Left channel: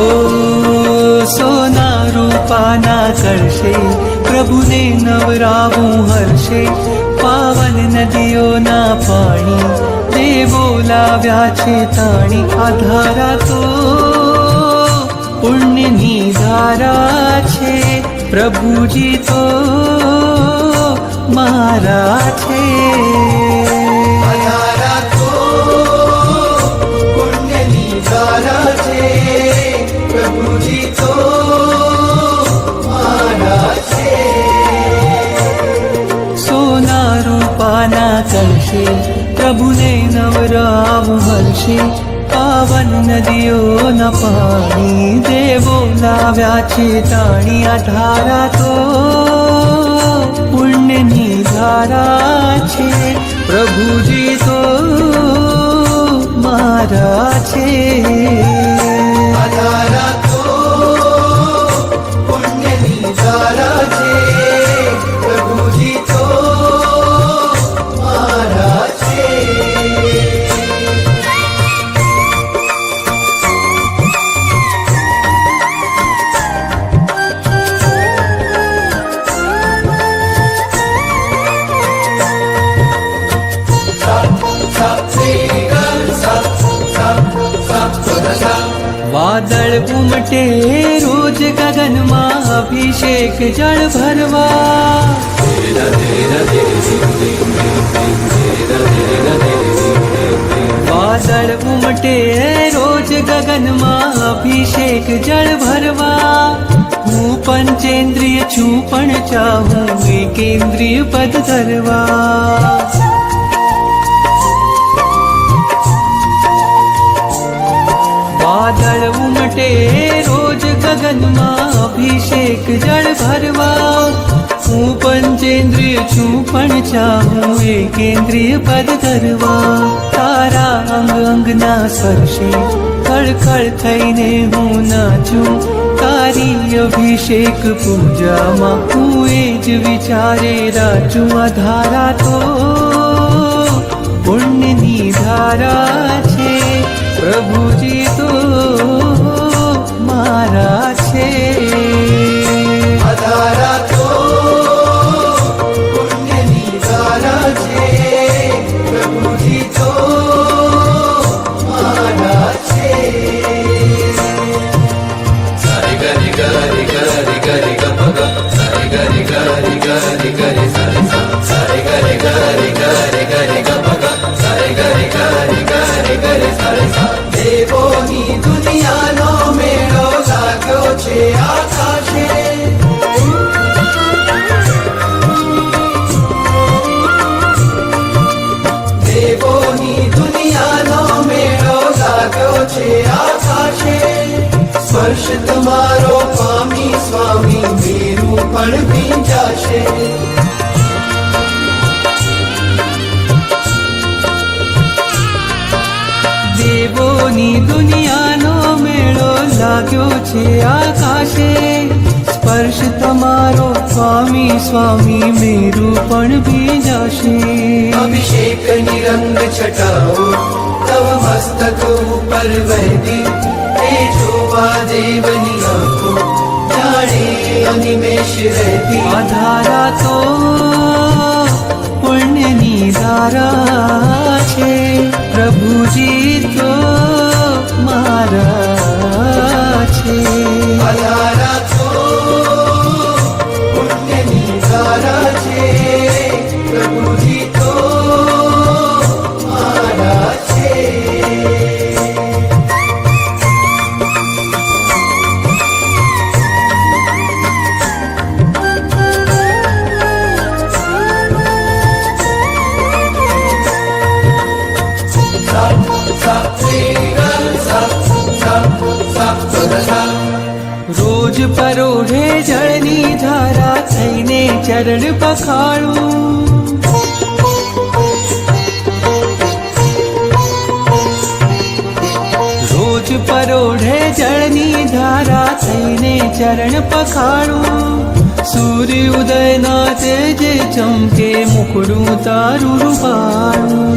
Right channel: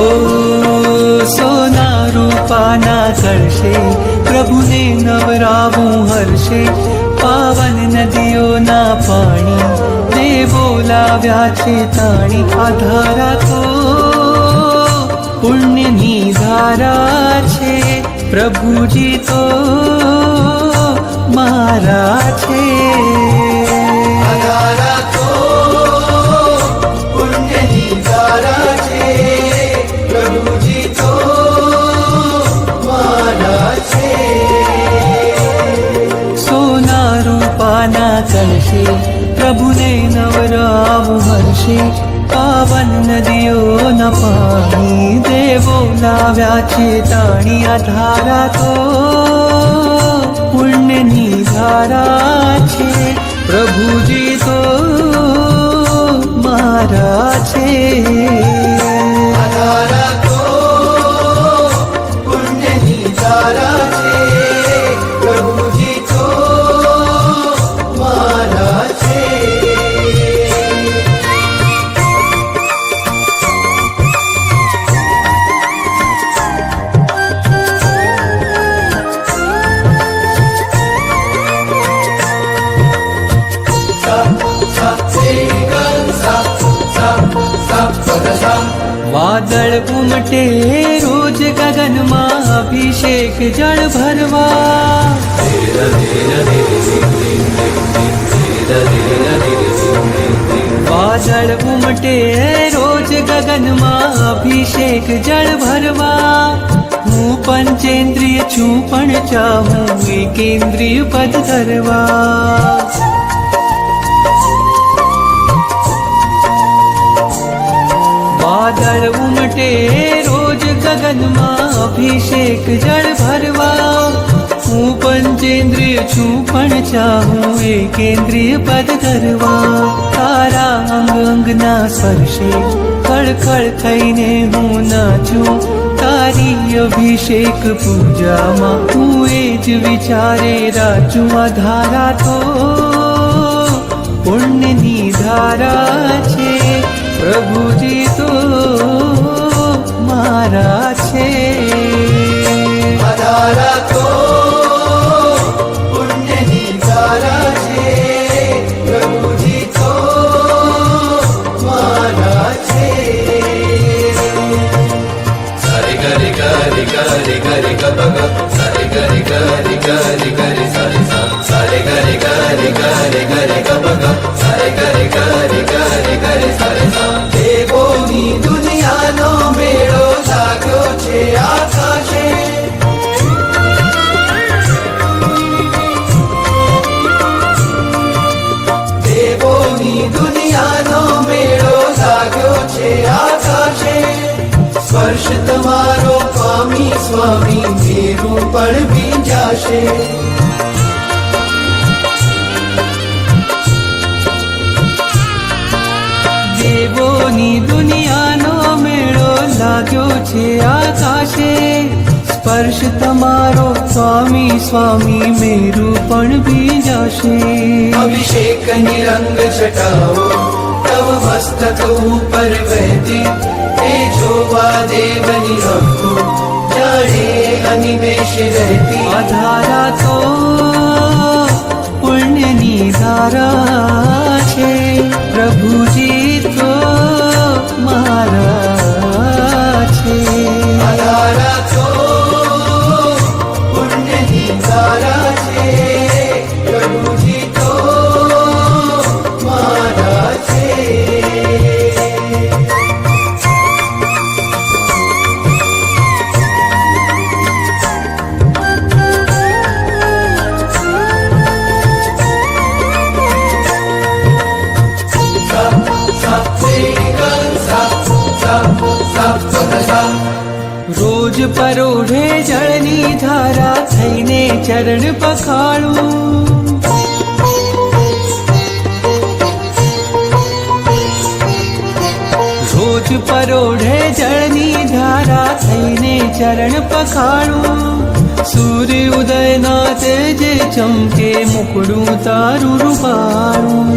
હો સોના રૂપાના કરશે પ્રભુને નવરાવું હર્ષે, પાવન નદીઓના પાણી દેવો લાવ્યા છે તાણી. આ ધારા તો પુણ્યની ધારા છે, પ્રભુજી તો મારા છે. સોના રૂપાના કળશે પ્રભુને નવરાવું હર્ષે, પાવન નદીઓના પાણી દેવો લાવ્યા છે તાણી. આ ધારા તો પુણ્યની ધારા છે, પ્રભુજી તો મારા છે. વાદળ ઉમટે રોજ ગગનમાં અભિષેક જળ ભરવા, વાદળ ઉમટે રોજ ગગનમાં અભિષેક જળ ભરવા. હું પંચેન્દ્રિય છું પણ ચાહું એકેન્દ્રિય પદ ધરવા. વાદળ ઉમટે રોજ ગગનમાં અભિષેક જળ ભરવા. હું પંચેન્દ્રિય છું પણ ચાહું એકેન્દ્રિય પદ ધરવા. તારા અંગ અંગના સ્પર્શે ખળખળ થઈને હું નાચું, તારી અભિષેક પૂજામાં હું એ જ વિચારે રાચું. આ ધારા તો પુણ્યની ધારા છે, પ્રભુજી તો મારા છે. આ ધારા તો પુણ્યની ધારા છે, પ્રભુજી તો મારા છે. હરે ગરી ગરી ગરી ગરી ગબ હરે ગરી ગરી ગરી ગરી સરી હરે ગરી ગરી ગરી ગરી ગબ હરે ગરી ગરી ગરી ગરી સરી. દેવોની દુનિયાનો મેળો લાગ્યો છે આકાશે, દેવોની દુનિયાનો મેળો લાગ્યો છે આકાશે. સ્પર્શ તમારો સ્વામી સ્વામી મેરું પણ ભીંજાશે. દેવોની દુનિયાનો મેળો લાગ્યો છે આકાશે. સ્પર્શ તમારો સ્વામી સ્વામી મેરું પણ ભીંજાશે. અભિષેકની રંગ છટાઓ તવ મસ્તક ઉપર વહેતી, એ જોવા દેવની આંખો જાણે અનિમેષ રહેતી. આ ધારા તો પુણ્યની ધારા છે, પ્રભુજી તો મારા છે. આ ધારા તો પુણ્યની ધારા છે, પ્રભુજી તો મારા છે. રોજ પરોઢે જળની ધારા થઈને ચરણ પખાડું, રોજ પરોઢે જળની ધારા થઈને ચરણ પખાડું. સૂર્ય ઉદયના તેજે ચમકે મુખડું તારું રૂપાળું.